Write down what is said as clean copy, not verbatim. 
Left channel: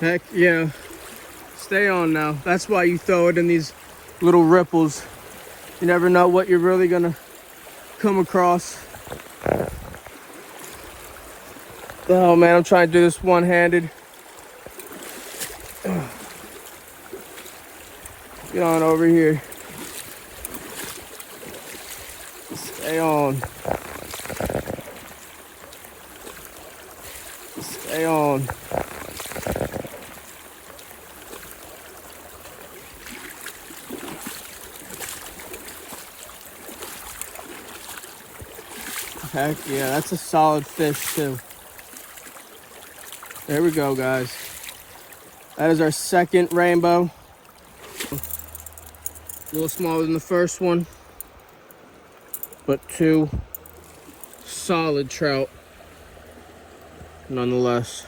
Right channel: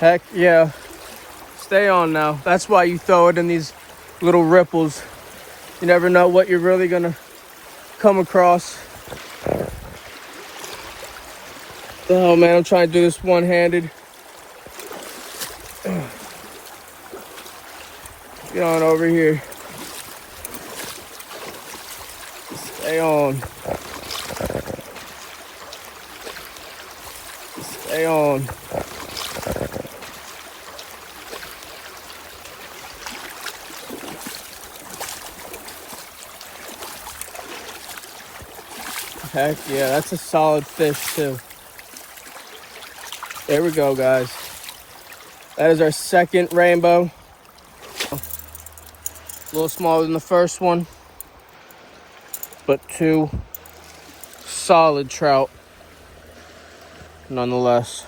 Heck yeah. Stay on now. That's why you throw it in these little ripples. You never know what you're really gonna come across. Oh man, I'm trying to do this one-handed. Get on over here. Stay on. Stay on. Heck yeah, that's a solid fish too. There we go, guys. That is our second rainbow. A little smaller than the first one, but two solid trout nonetheless.